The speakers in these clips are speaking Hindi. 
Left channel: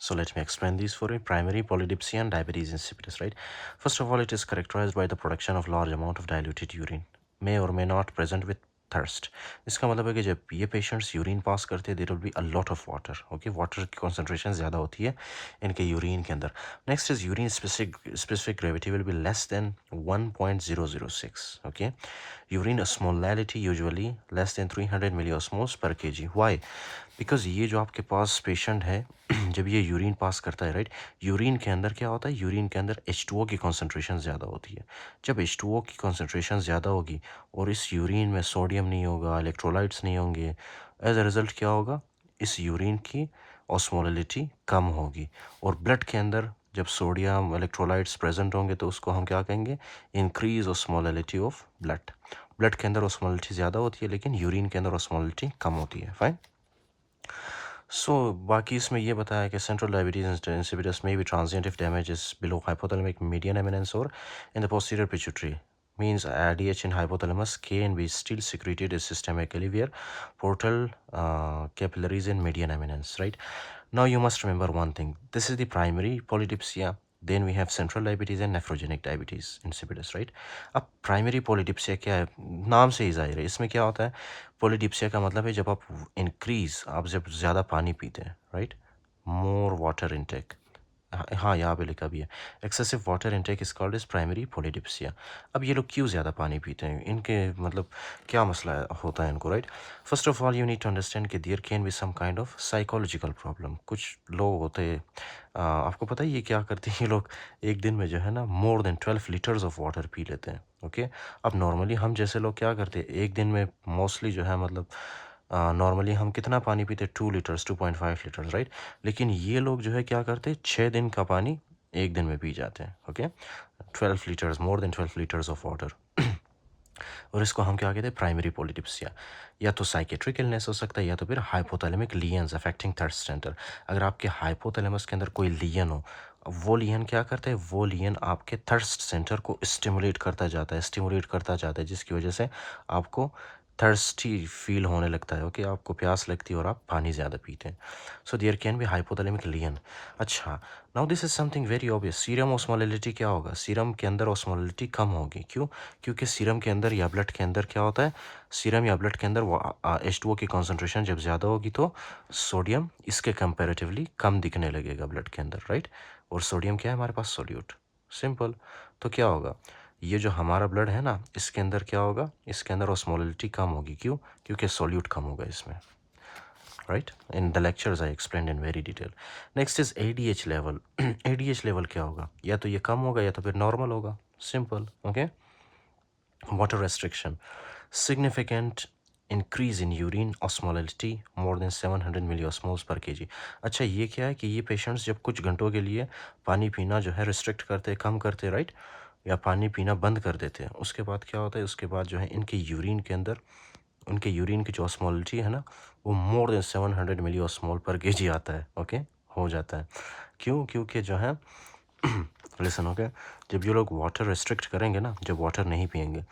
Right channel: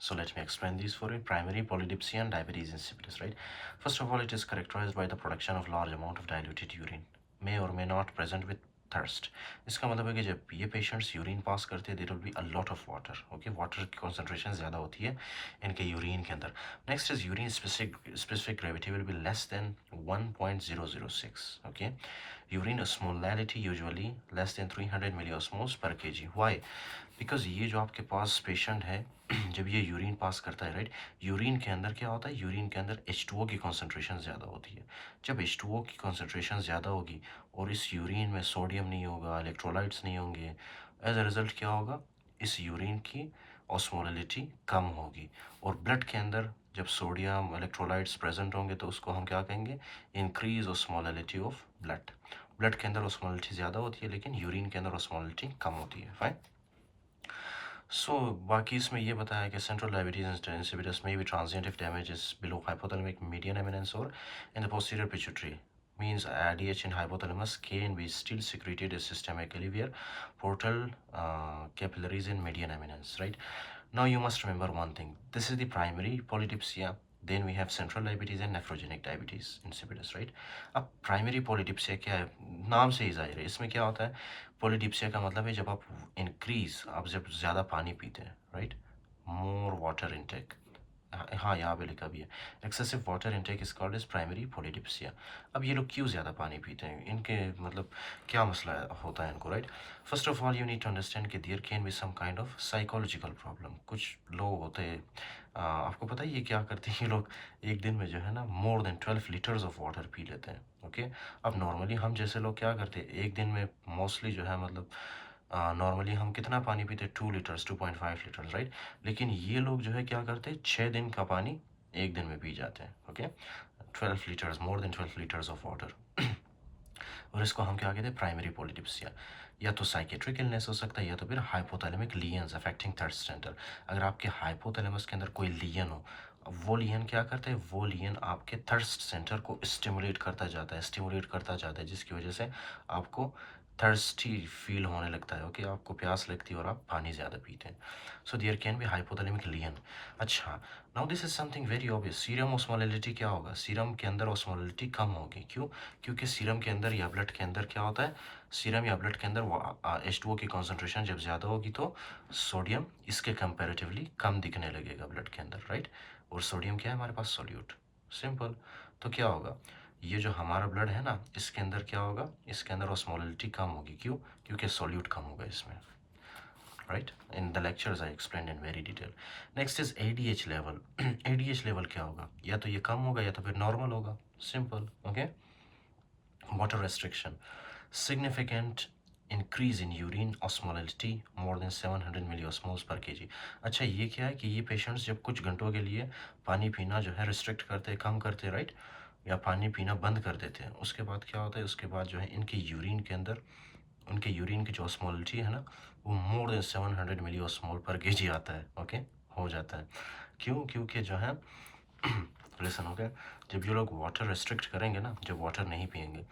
So let me explain these for you. Primary polydipsia and diabetes insipidus, right? First of all, it is characterized by the production of large amount of diluted urine, may or may not present with thirst. इसका मतलब है कि जब ये पेशेंट्स यूरिन पास करते हैं there will be a lot of water. Okay, water की कॉन्सेंट्रेशन ज़्यादा होती है इनके यूरिन के अंदर। Next is urine specific gravity will be less than 1.006। Okay, urine osmolality usually less than 300 milliosmoles per kg. Why? Because ये जो आपके पास पेशेंट है जब ये यूरिन पास करता है, राइट, यूरिन के अंदर क्या होता है, यूरिन के अंदर H2O की कॉन्सेंट्रेशन ज़्यादा होती है। जब H2O की कॉन्सेंट्रेशन ज़्यादा होगी और इस यूरिन में सोडियम नहीं होगा, इलेक्ट्रोलाइट्स नहीं होंगे, एज अ रिज़ल्ट क्या होगा, इस यूरिन की ऑस्मोलिटी कम होगी। और ब्लड के अंदर जब सोडियम इलेक्ट्रोलाइट्स प्रेजेंट होंगे तो उसको हम क्या कहेंगे, increase osmolality of blood. Blood के अंदर ऑस्मोलिटी ज़्यादा होती है लेकिन यूरिन के अंदर ऑस्मोलिटी कम होती है। फाइन। सो बाकी इसमें ये बताया कि सेंट्रल डायबिटीज इंसिपिडस में भी transient if damage is below hypothalamic median eminence और in the posterior pituitary means ADH in hypothalamus can be still secreted systemically via portal capillaries in median eminence, right? Now you must remember one thing. This is the primary polydipsia. Then we have central diabetes and nephrogenic diabetes insipidus, right? अब प्राइमरी पोलिडिप्सिया क्या है, नाम से ही जाहिर है। इसमें क्या होता है, पोलिडिप्सिया का मतलब है जब आप जब ज़्यादा पानी पीते हैं, राइट, मोर वाटर इनटेक। हाँ, यहाँ पे लिखा भी है, excessive water intake is called is primary polydipsia. अब ये लोग क्यों ज़्यादा पानी पीते हैं, इनके मतलब क्या मसला होता है इनको, right? First of all you need to understand कि there can be some kind of psychological problem. कुछ लोग होते हैं, आपको पता है ये क्या करते हैं, ये लोग एक दिन में जो है ना more than 12 litres of water P लेते हैं। ओके, अब नॉर्मली हम जैसे लोग क्या करते हैं, एक दिन में मोस्टली जो है मतलब नॉर्मली हम कितना पानी पीते हैं, 2 लीटर्स, 2.5 लीटर्स, राइट? लेकिन ये लोग जो है क्या करते हैं, 6 दिन का पानी एक दिन में पी जाते हैं। Okay, 12 litres, more than 12 litres of water. और इसको हम क्या कहते हैं, प्राइमरी पोलिडिप्सिया। या तो साइकेट्रिक इलनेस हो सकता है या तो फिर hypothalamic lesions affecting thirst centre. अगर आपके हाइपोथैलेमस के अंदर कोई लीजन हो, वो लीजन क्या करता है, वो लीजन आपके थर्स्ट सेंटर को स्टिमुलेट करता जाता है, जिसकी वजह से आपको थर्स्टी फील होने लगता है। ओके, आपको प्यास लगती है और आप पानी ज़्यादा पीते हैं। So there can be hypothalamic lesion. अच्छा, now this is something very obvious. Serum osmolality क्या होगा, सीरम के अंदर ऑस्मोलिटी कम होगी। क्यों? क्योंकि सीरम के अंदर या ब्लड के अंदर क्या होता है, सीरम या ब्लड के अंदर वो H2O की कॉन्सेंट्रेशन जब ज़्यादा होगी तो सोडियम इसके कंपेरेटिवली कम दिखने लगेगा ब्लड के अंदर, राइट? और सोडियम क्या है हमारे पास, सोल्यूट। सिंपल। तो क्या होगा, ये जो हमारा ब्लड है ना, इसके अंदर क्या होगा, इसके अंदर ऑस्मोलिटी कम होगी। क्यों? क्योंकि सोल्यूट कम होगा इसमें, right? In the lectures I explained in very detail. Next is ADH level. ADH level क्या होगा, या तो ये कम होगा या तो फिर नॉर्मल होगा। Simple. Okay, water restriction, significant increase in urine osmolality more than 700 milliosmoles per kg। अच्छा, ये क्या है कि ये पेशेंट्स जब कुछ घंटों के लिए पानी पीना जो है रिस्ट्रिक्ट करते, कम करते, राइट, या पानी पीना बंद कर देते हैं, उसके बाद क्या होता है, उसके बाद जो है इनके यूरिन के अंदर, उनके यूरिन की जो ऑस्मोलिटी है ना, वो मोर देन 700 मिली ऑस्मोल पर केजी आता है। ओके, हो जाता है। क्यों? क्योंकि जो है लिसन, ओके, जब ये लोग वाटर रिस्ट्रिक्ट करेंगे ना, जब वाटर नहीं पियेंगे,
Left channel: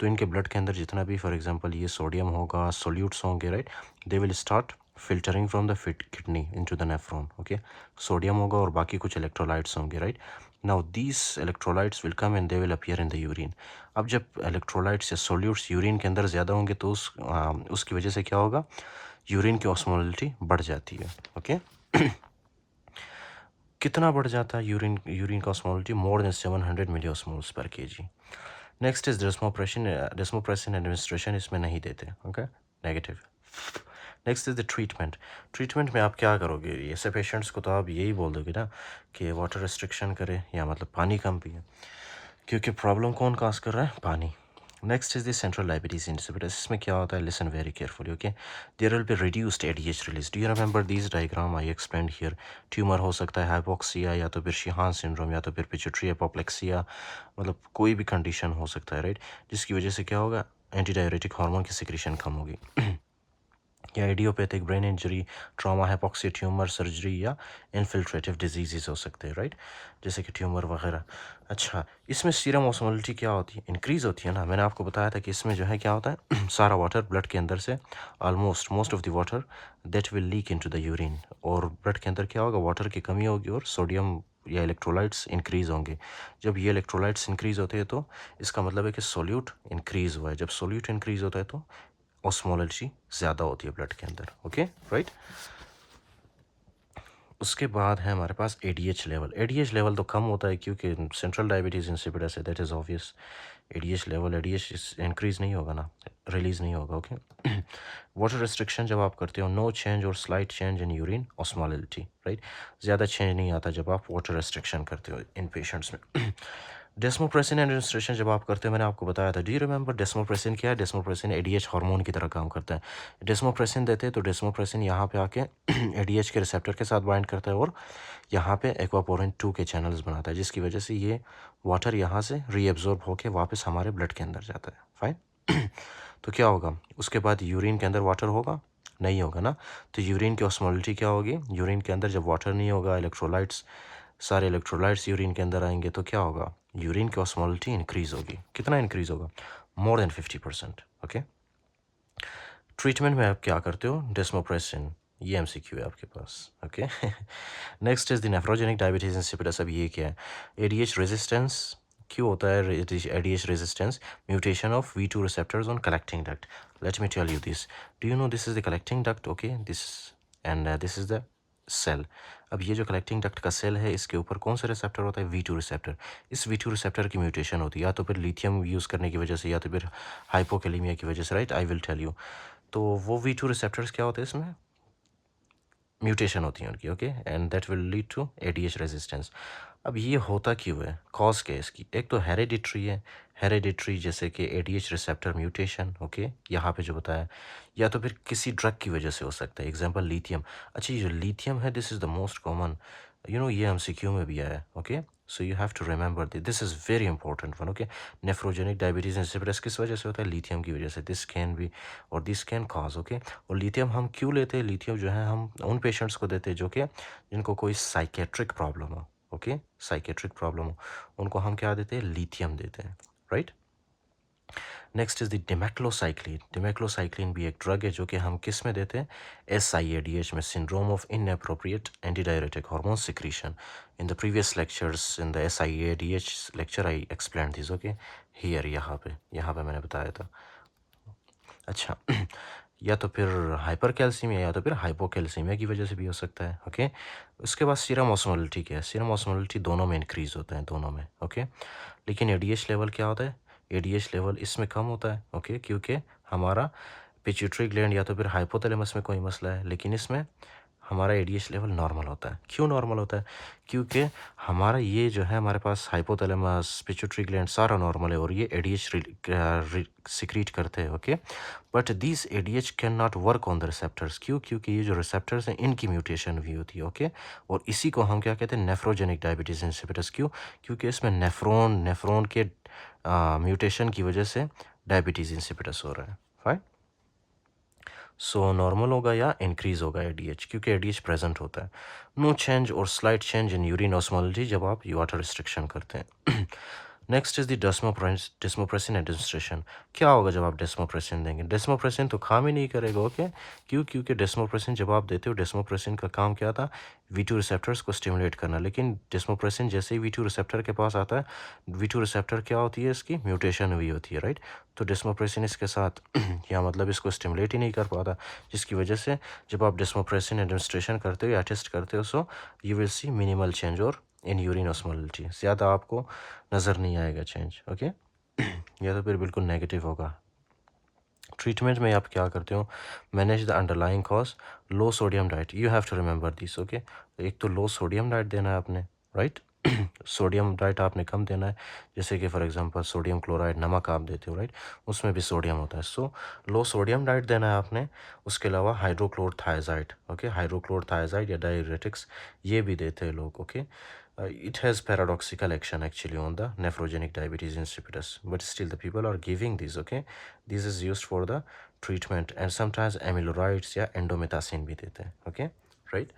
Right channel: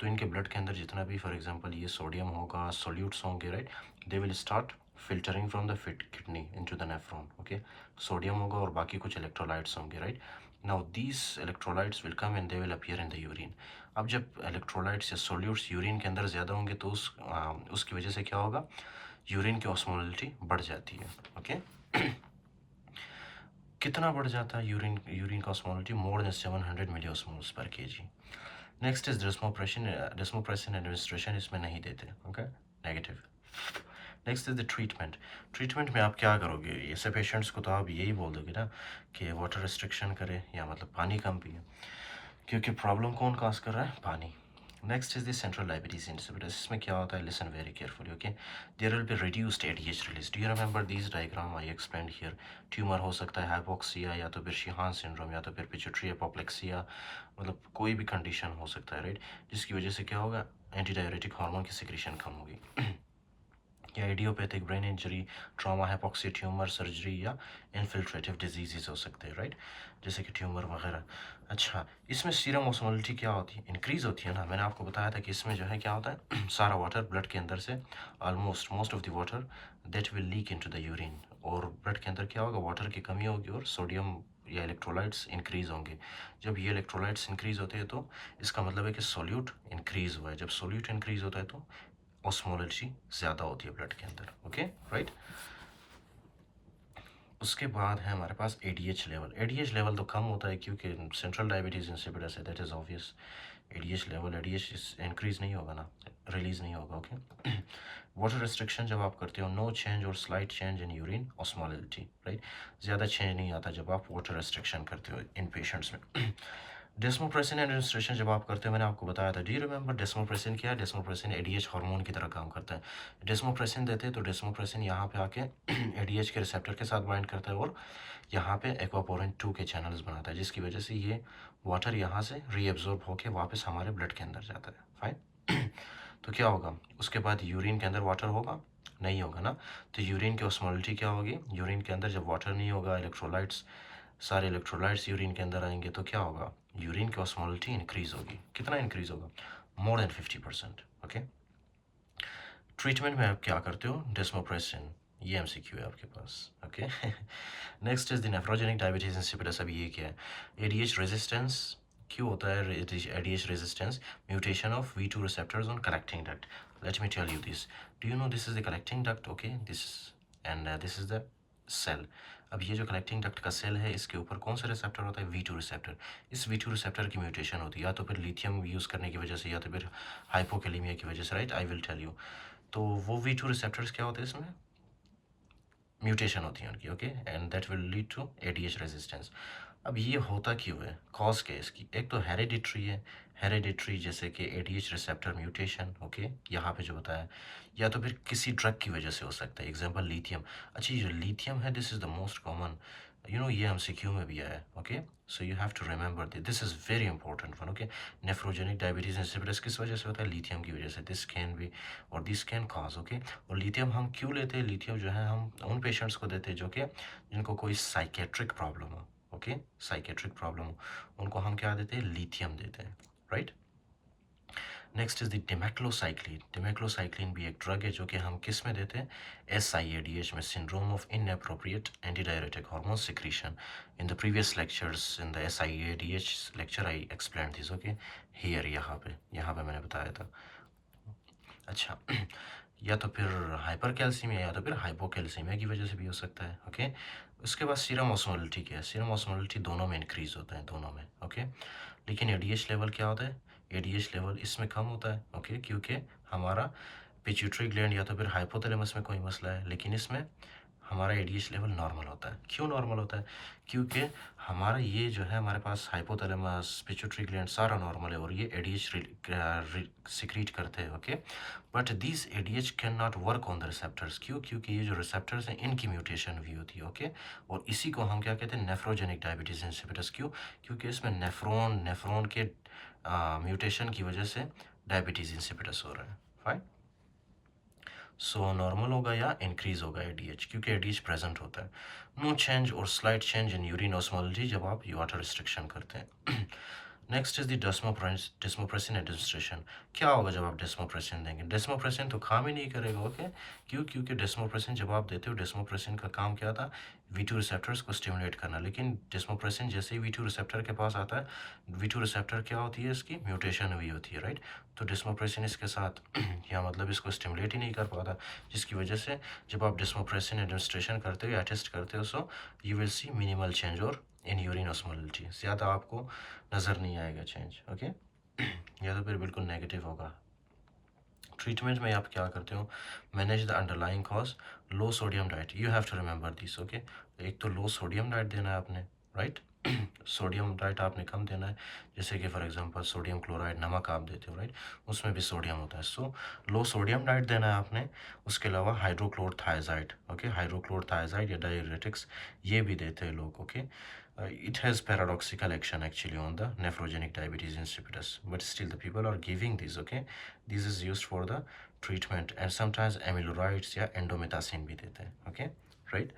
तो इनके ब्लड के अंदर जितना भी फॉर एग्जांपल ये सोडियम होगा, सोल्यूट्स होंगे, right, they will start filtering from the fit kidney into the nephron. Okay, sodium होगा और बाकी कुछ इलेक्ट्रोलाइट्स होंगे, right. Now these electrolytes will come and they will appear in the urine. अब जब इलेक्ट्रोलाइट्स या सोल्यूट्स यूरिन के अंदर ज़्यादा होंगे तो उसकी वजह से क्या होगा, यूरिन की ऑस्मोलिटी बढ़ जाती है। ओके, कितना बढ़ जाता है यूरिन यूरिन का ऑस्मोलिटी, मोर देन 700 मिली ऑस्मोल्स पर KG. Next is desmopressin. Desmopressin administration इसमें नहीं देते। Okay, negative. Next is the treatment. Treatment में आप क्या करोगे, ऐसे पेशेंट्स को तो आप यही बोल दोगे ना कि वाटर रिस्ट्रिक्शन करें या मतलब पानी कम पिए, क्योंकि प्रॉब्लम कौन काज कर रहा है, पानी। Next is the central diabetes insipidus. इसमें क्या होता है, listen very carefully. Okay, there will be reduced ADH release. Do you remember these diagram I explained here? Tumour हो सकता है, हाइपोक्सिया, या तो फिर शिहान सिंड्रोम, या तो फिर पिट्यूटरी एपोप्लेक्सिया, मतलब कोई भी कंडीशन हो सकता है, राइट, जिसकी वजह से क्या होगा, एंटी डायरेटिक हार्मोन की सिक्रीशन कम होगी। या idiopathic brain injury, trauma, hypoxia, tumour surgery या इन्फिल्ट्रेटिव डिजीजेस हो सकते हैं, राइट, जैसे कि ट्यूमर वगैरह। अच्छा, इसमें सीरम ऑस्मोलिटी क्या होती है? इंक्रीज़ होती है ना। मैंने आपको बताया था कि इसमें जो है क्या होता है सारा वाटर ब्लड के अंदर से almost most of the water that will leak into the urine, और ब्लड के अंदर क्या होगा, वाटर की कमी होगी और सोडियम या इलेक्ट्रोलाइट्स इंक्रीज़ होंगे। जब ये इलेक्ट्रोलाइट्स इंक्रीज़ होते हैं तो इसका मतलब है कि सोल्यूट इंक्रीज़ हुआ है। जब सोल्यूट इंक्रीज़ होता है तो ऑस्मोलॉजी ज़्यादा होती है ब्लड के अंदर। Okay, right. उसके बाद है हमारे पास एडीएच लेवल। एडीएच लेवल तो कम होता है क्योंकि सेंट्रल डायबिटीज़ इंसिपिडस है, that is obvious. ADH level, ADH increase नहीं होगा ना, रिलीज़ नहीं होगा। ओके। वाटर रिस्ट्रिक्शन जब आप करते हो, नो चेंज और slight change in urine osmolality, right. ज़्यादा चेंज नहीं आता जब आप वाटर रिस्ट्रिक्शन करते हो इन पेशेंट्स में। डेस्मोप्रेसिन एडमिनिस्ट्रेशन जब आप करते हो, मैंने आपको बताया था, डू यू रिमेंबर डेस्मोप्रेसिन क्या है? डेस्मोप्रेसिन एडीएच हार्मोन की तरह काम करता है। डेस्मोप्रेसिन देते हैं तो डेस्मोप्रेसिन यहाँ पे आके एडीएच के रिसेप्टर के साथ बाइंड करता है और यहाँ पे एक्वापोरिन 2 के चैनल्स बनाता है, जिसकी वजह से ये वाटर यहाँ से रीएब्जॉर्ब होके वापस हमारे ब्लड के अंदर जाता है। फाइन। तो क्या होगा उसके बाद, यूरिन के अंदर वाटर होगा? नहीं होगा ना। तो यूरिन की ऑस्मोलिटी क्या होगी? यूरिन के अंदर जब वाटर नहीं होगा, इलेक्ट्रोलाइट्स, सारे इलेक्ट्रोलाइट्स यूरिन के अंदर आएंगे तो क्या होगा? यूरिन की ऑस्मोलिटी इंक्रीज होगी। कितना इंक्रीज होगा? More than 50%। ओके। ट्रीटमेंट में आप क्या करते हो? डेस्मोप्रेसिन। ये एमसीक्यू है आपके पास। Okay. Next is the nephrogenic diabetes insipidus. अब ये क्या है? ADH resistance. क्यों होता है ADH resistance? Mutation of V two receptors on collecting duct. Let me tell you this. Do you know this is the collecting duct? Okay, this and this is the cell. अब ये जो कलेक्टिंग डक्ट का सेल है, इसके ऊपर कौन सा रिसेप्टर होता है? V two receptor. इस वी टू रिसेप्टर की म्यूटेशन होती है, या तो फिर लिथियम यूज़ करने की वजह से, या तो फिर हाइपोकेलेमिया की वजह से, right. I will tell you. तो वो वी टू रिसेप्टर्स क्या होते हैं इसमें? म्यूटेशन होती है उनकी। Okay, and that will lead to ADH resistance. अब ये होता क्यों है? कॉज क्या है इसकी? एक तो हेरिडिट्री है। हेरिडिट्री जैसे कि एडीएच रिसेप्टर म्यूटेशन, ओके, यहाँ पे जो बताया, या तो फिर किसी ड्रग की वजह से हो सकता है, एग्जांपल लिथियम। अच्छा, ये जो लिथियम है, this is the most common, ये एमसीक्यू में भी आया है। Okay, so you have to remember this is very important one. Okay, nephrogenic diabetes insipidus किस वजह से होता है? लिथियम की वजह से। दिस कैन बी और दिस कैन कॉज। ओके, और लिथियम हम क्यों लेते हैं? लिथियम जो है हम उन पेशेंट्स को देते हैं जो कि जिनको कोई साइकेट्रिक प्रॉब्लम हो। ओके, साइकेट्रिक प्रॉब्लम हो, उनको हम क्या देते हैं? लिथियम देते हैं, right. Next is the demeclocycline. Demeclocycline भी एक ड्रग है जो कि हम किस में देते हैं? SIADH में, syndrome of inappropriate antidiuretic hormone secretion. In the previous lectures in the SIADH lecture I explain this. Okay, here, यहाँ पे मैंने बताया था। अच्छा। या तो फिर हाइपर कैल्सीमिया या तो फिर हाइपोकैल्सीमिया की वजह से भी हो सकता है। ओके, उसके बाद सीरम ऑस्मोलिटी क्या है? सीरम ऑस्मोलिटी दोनों में इंक्रीज होता है, दोनों में। ओके, लेकिन एडीएच लेवल क्या होता है? एडीएच लेवल इसमें कम होता है। ओके, क्योंकि हमारा पिट्यूटरी ग्लैंड या तो फिर हाइपोथैलेमस में कोई मसला है, लेकिन इसमें हमारा एडीएच लेवल नॉर्मल होता है। क्यों नॉर्मल होता है? क्योंकि हमारा ये जो है, हमारे पास हाइपोथैलेमस, पिट्यूटरी ग्लैंड सारा नॉर्मल है और ये एडीएच सिक्रीट करते हैं। Okay, but this ADH can not work on the receptors. क्यों? क्योंकि ये जो रिसेप्टर्स हैं इनकी म्यूटेशन भी होती है। ओके, और इसी को हम क्या कहते हैं? Nephrogenic diabetes insipidus. क्यों? क्योंकि इसमें नेफ्रॉन नेफ्रॉन के म्यूटेशन की वजह से डायबिटीज इंसिपिडस हो रहा है। फाइन। सो नॉर्मल होगा या इंक्रीज होगा एडीएच, क्योंकि एडीएच प्रेजेंट होता है। नो चेंज और स्लाइट चेंज इन यूरिन ऑस्मोलॉजी जब आप वाटर रिस्ट्रिक्शन करते हैं। Next is the desmopressin administration. क्या होगा जब आप डेस्मोप्रेसिन देंगे? डेस्मोप्रेसिन तो काम ही नहीं करेगा। ओके, क्यों? क्योंकि डेस्मोप्रेसिन जब आप देते हो, डेस्मोप्रेसिन का काम क्या था? V2 रिसेप्टर्स को स्टिमुलेट करना। लेकिन डेस्मोप्रेसिन जैसे ही V2 रिसेप्टर के पास आता है, V2 रिसेप्टर क्या होती है? इसकी म्यूटेशन हुई होती है, राइट। तो डेस्मोप्रेसिन इसके साथ या मतलब इसको स्टिमुलेट ही नहीं कर पाता, जिसकी वजह से जब आप डेस्मोप्रेसिन एडमिनिस्ट्रेशन करते हो या टेस्ट करते हो, so you will see minimal change और इन यूरिन ऑस्मोलिटी ज़्यादा आपको नज़र नहीं आएगा चेंज। ओके, या तो फिर बिल्कुल नेगेटिव होगा। ट्रीटमेंट में आप क्या करते हो? Manage the underlying cause. Low sodium diet, you have to remember this. Okay, एक तो लो सोडियम डाइट देना है आपने, राइट। सोडियम डाइट आपने कम देना है, जैसे कि फॉर एग्जांपल सोडियम क्लोराइड नमक आप देते हो, राइट, उसमें भी सोडियम होता है। सो लो सोडियम डाइट देना है आपने। उसके अलावा हाइड्रोक्लोरथायजाइड, ओके, हाइड्रोक्लोरथायजाइड या डाययूरेटिक्स ये भी देते हैं लोग। Okay, it has paradoxical action actually on the nephrogenic diabetes insipidus, but still the people are giving these. Okay, this is used for the treatment, and sometimes amyloids या endomethacin भी देते हैं. Okay, right.